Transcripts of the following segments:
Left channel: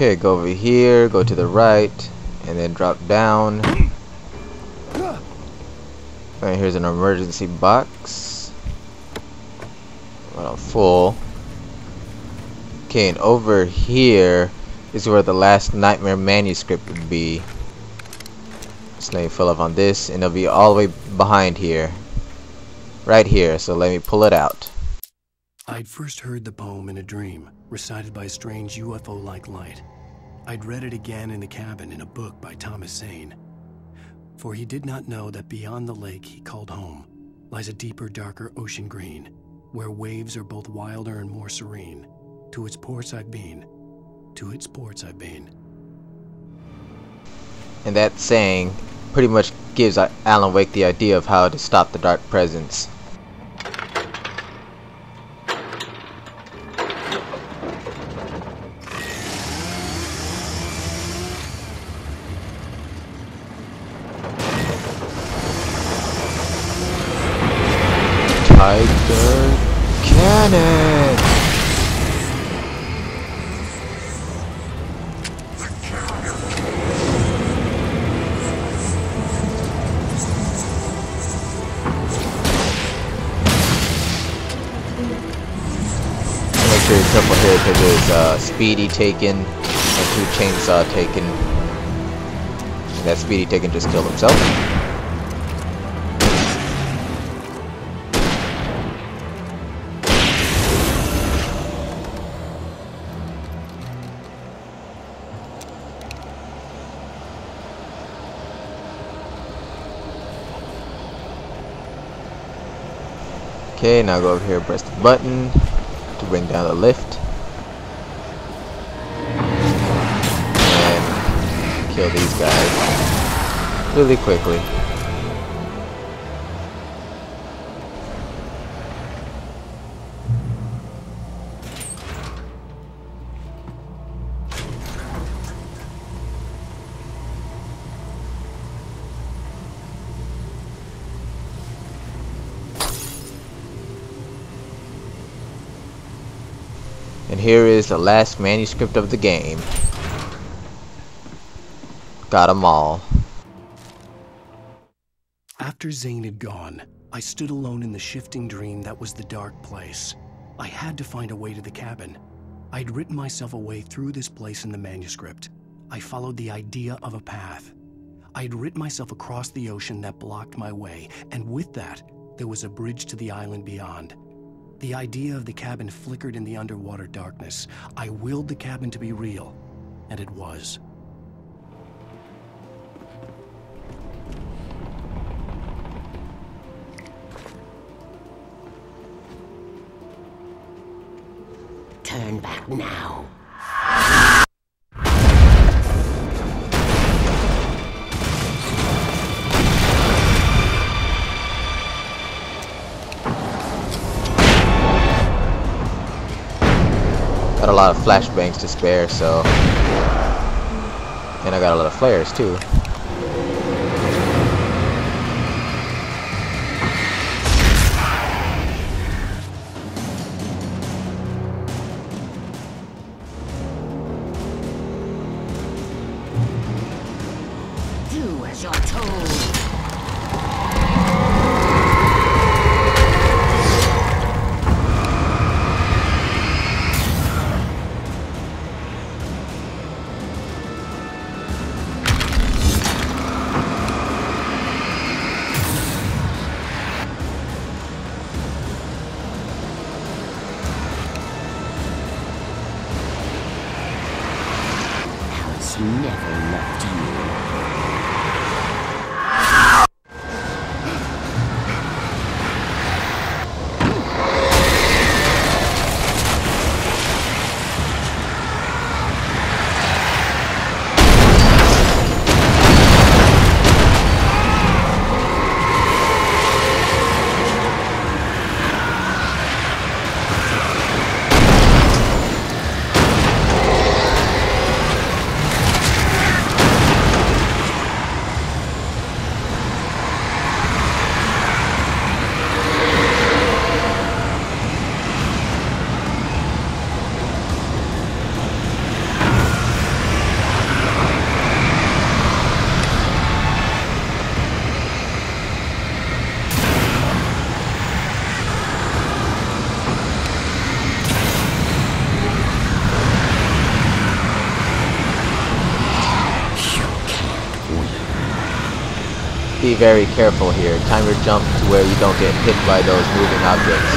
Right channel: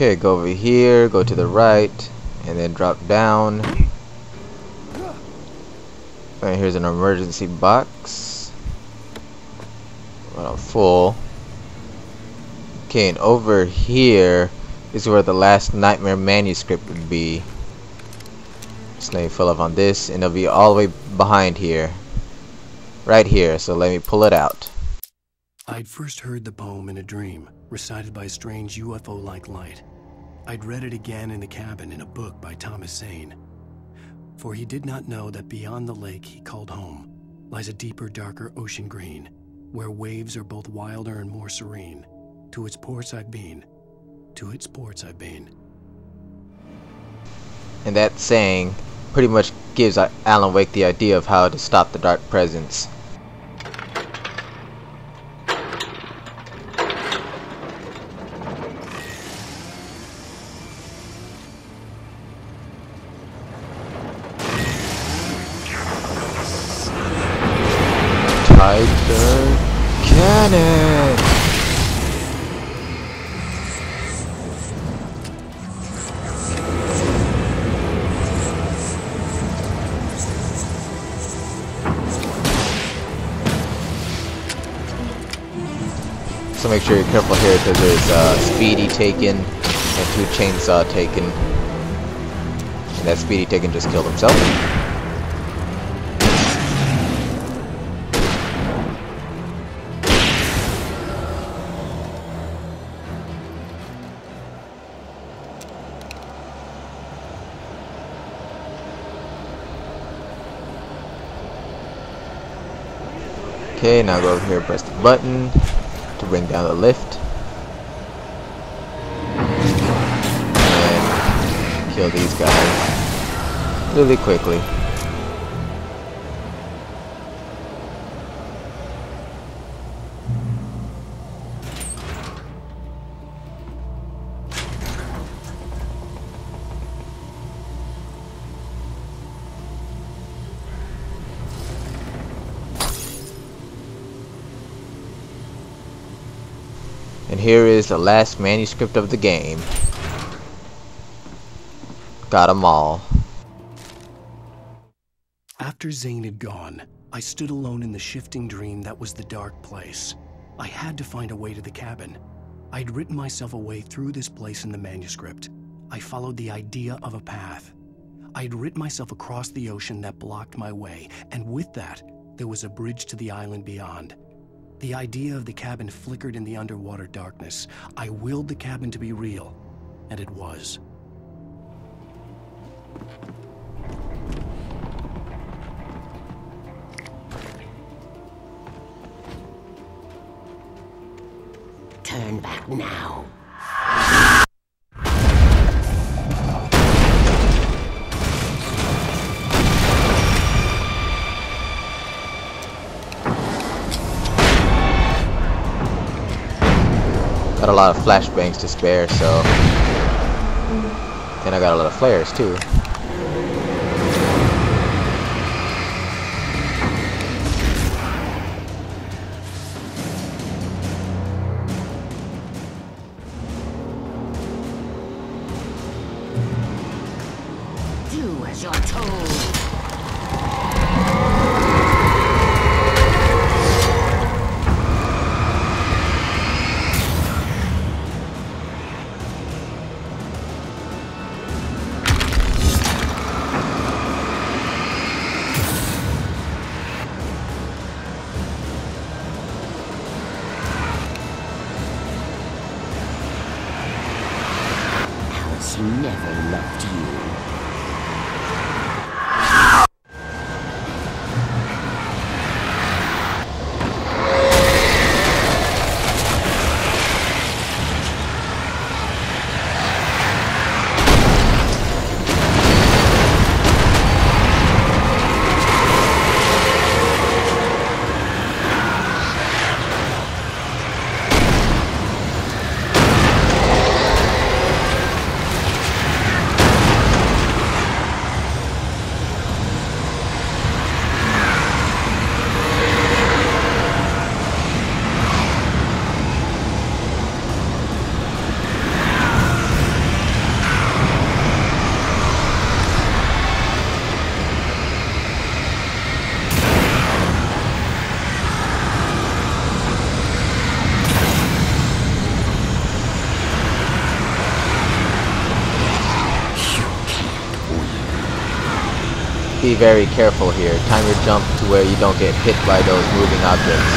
Okay, go over here, go to the right, and then drop down. And here's an emergency box. Well, full. Okay, and over here is where the last nightmare manuscript would be. Just let me fill up on this, and it'll be all the way behind here. Right here, so let me pull it out. I'd first heard the poem in a dream, recited by a strange UFO-like light. I'd read it again in the cabin in a book by Thomas Zane. For he did not know that beyond the lake he called home lies a deeper, darker ocean green, where waves are both wilder and more serene. To its ports I've been, to its ports I've been. And that saying pretty much gives Alan Wake the idea of how to stop the dark presence. Tiger Cannon! So make sure you're careful here because there's Speedy taken and 2 Chainsaw taken. And that Speedy taken just killed himself. Okay, now go over here and press the button to bring down the lift. And kill these guys really quickly. And here is the last manuscript of the game. Got 'em all. After Zane had gone, I stood alone in the shifting dream that was the dark place. I had to find a way to the cabin. I'd written myself a way through this place in the manuscript. I followed the idea of a path. I'd written myself across the ocean that blocked my way, and with that, there was a bridge to the island beyond. The idea of the cabin flickered in the underwater darkness. I willed the cabin to be real, and it was. Turn back now. Got a lot of flashbangs to spare, so. And I got a lot of flares too. Do as you're told. Alice never loved you. be very careful here. Time your jump to where you don't get hit by those moving objects.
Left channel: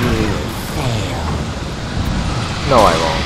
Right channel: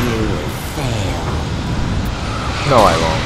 You will fail. No, I won't.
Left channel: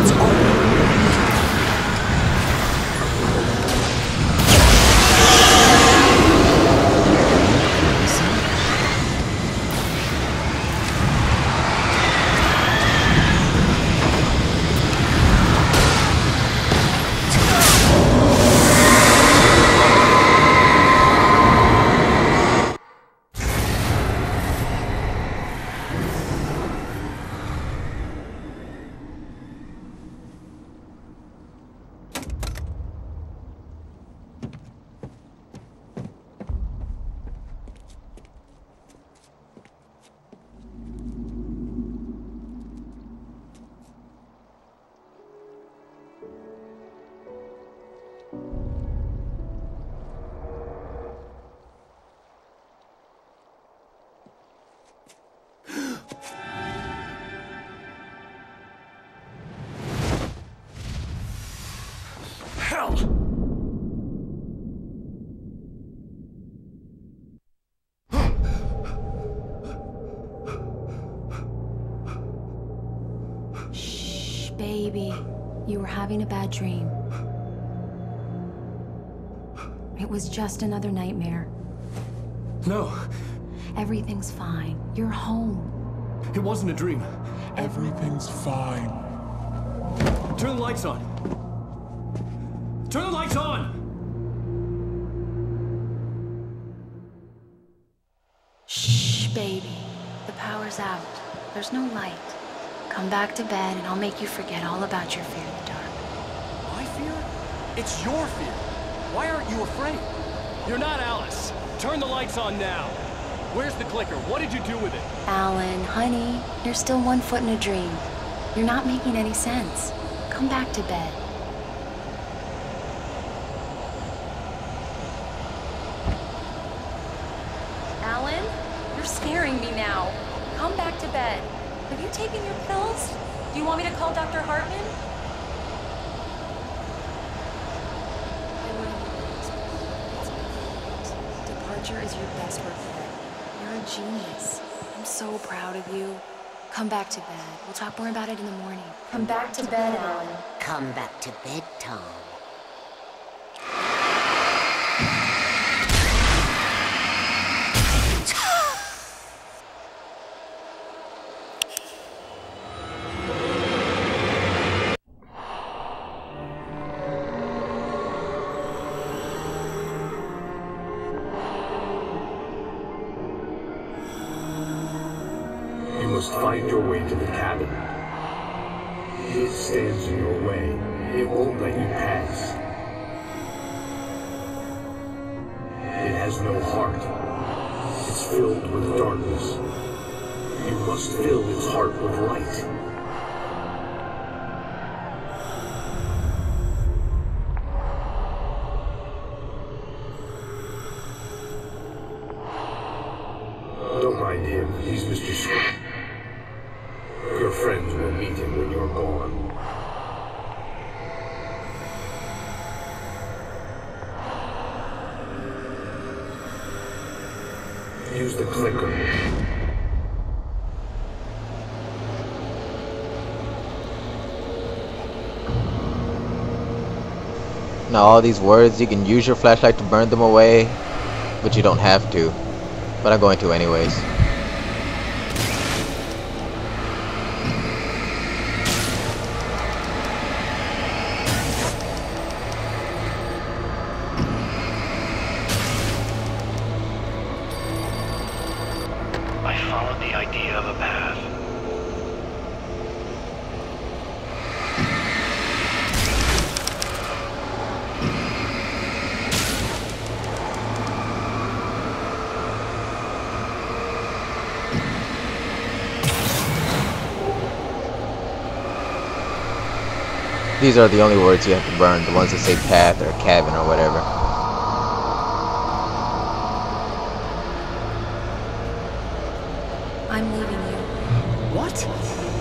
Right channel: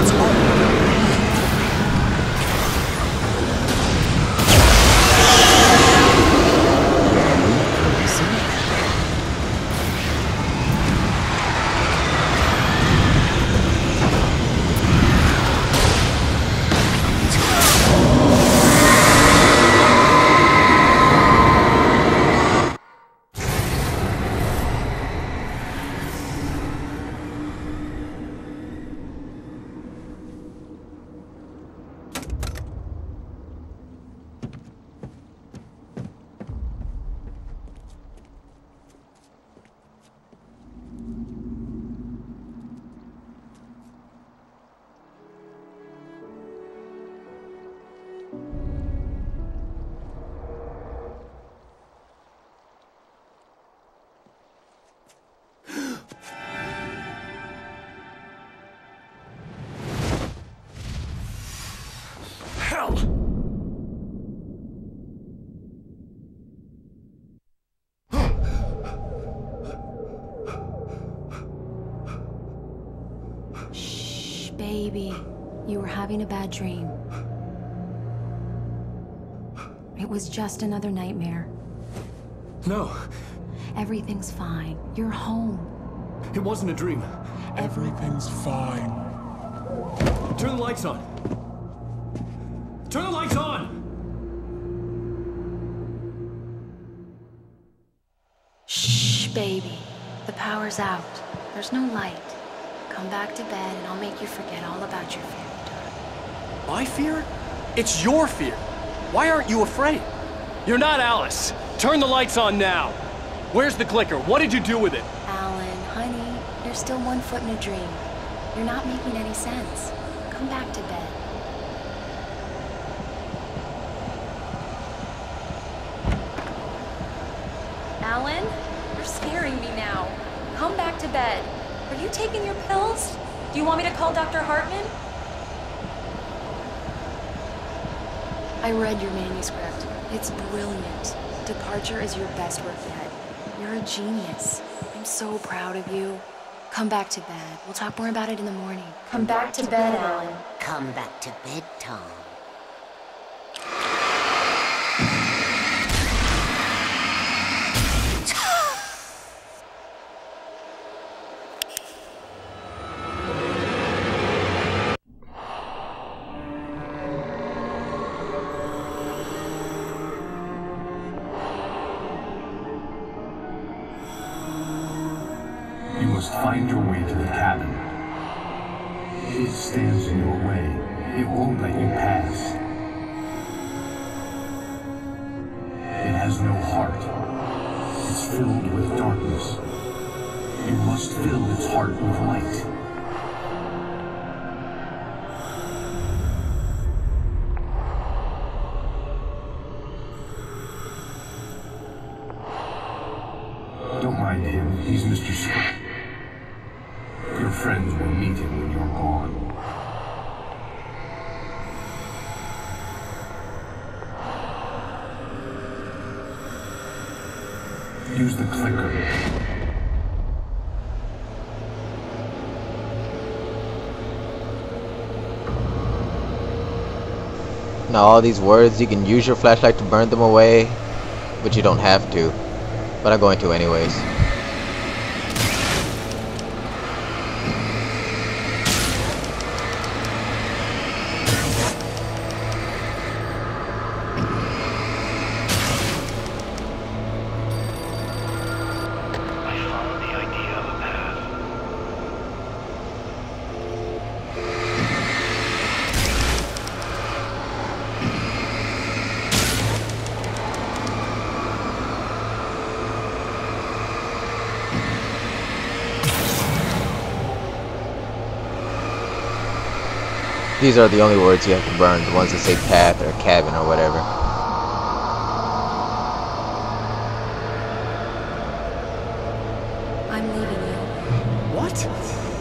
It's all in your head. You're mechanism? Hell! Shh, baby. You were having a bad dream. It was just another nightmare. No, Everything's fine. You're home. it wasn't a dream. Everything's fine. Turn the lights on. Turn the lights on! Shh, baby. The power's out. There's no light. Come back to bed and I'll make you forget all about your fear of the dark. My fear? It's your fear. Why aren't you afraid? You're not Alice. Turn the lights on now. Where's the clicker? What did you do with it? Alan, honey, you're still 1 foot in a dream. You're not making any sense. Come back to bed. Alan, you're scaring me now. Come back to bed. Have you taken your pills? Do you want me to call Dr. Hartman? I read your manuscript. It's brilliant. Departure is your best work yet. You're a genius. I'm so proud of you. Come back to bed. We'll talk more about it in the morning. Come back to bed, Alan. Come back to bed, Tom. You must find your way to the cabin. It stands in your way. It won't let you pass. It has no heart. It's filled with darkness. You must fill its heart with light. Don't mind him. He's Mr. Your friends will meet him when you're gone. Use the clicker. Now all these words, you can use your flashlight to burn them away, but you don't have to. But I'm going to anyways. I followed the idea of a path. These are the only words you have to burn, the ones that say path or cabin or whatever. I'm leaving you. What?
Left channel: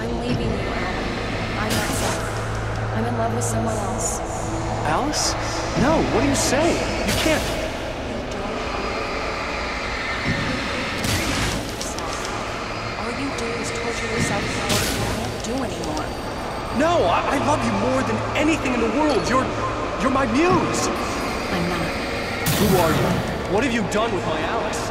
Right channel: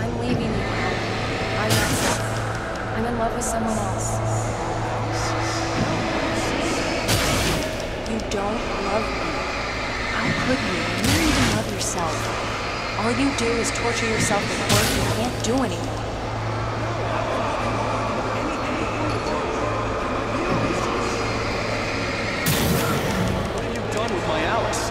I'm leaving you, Alan. I'm not Seth. I'm in love with someone else. Alice? No, what are you saying? You can't. You don't love me. How could you? You need to love yourself. All you do is torture yourself with work you can't do anymore. No, I love you more than anything in the world. You're my muse. I'm not. Who are you? What have you done with my Alice?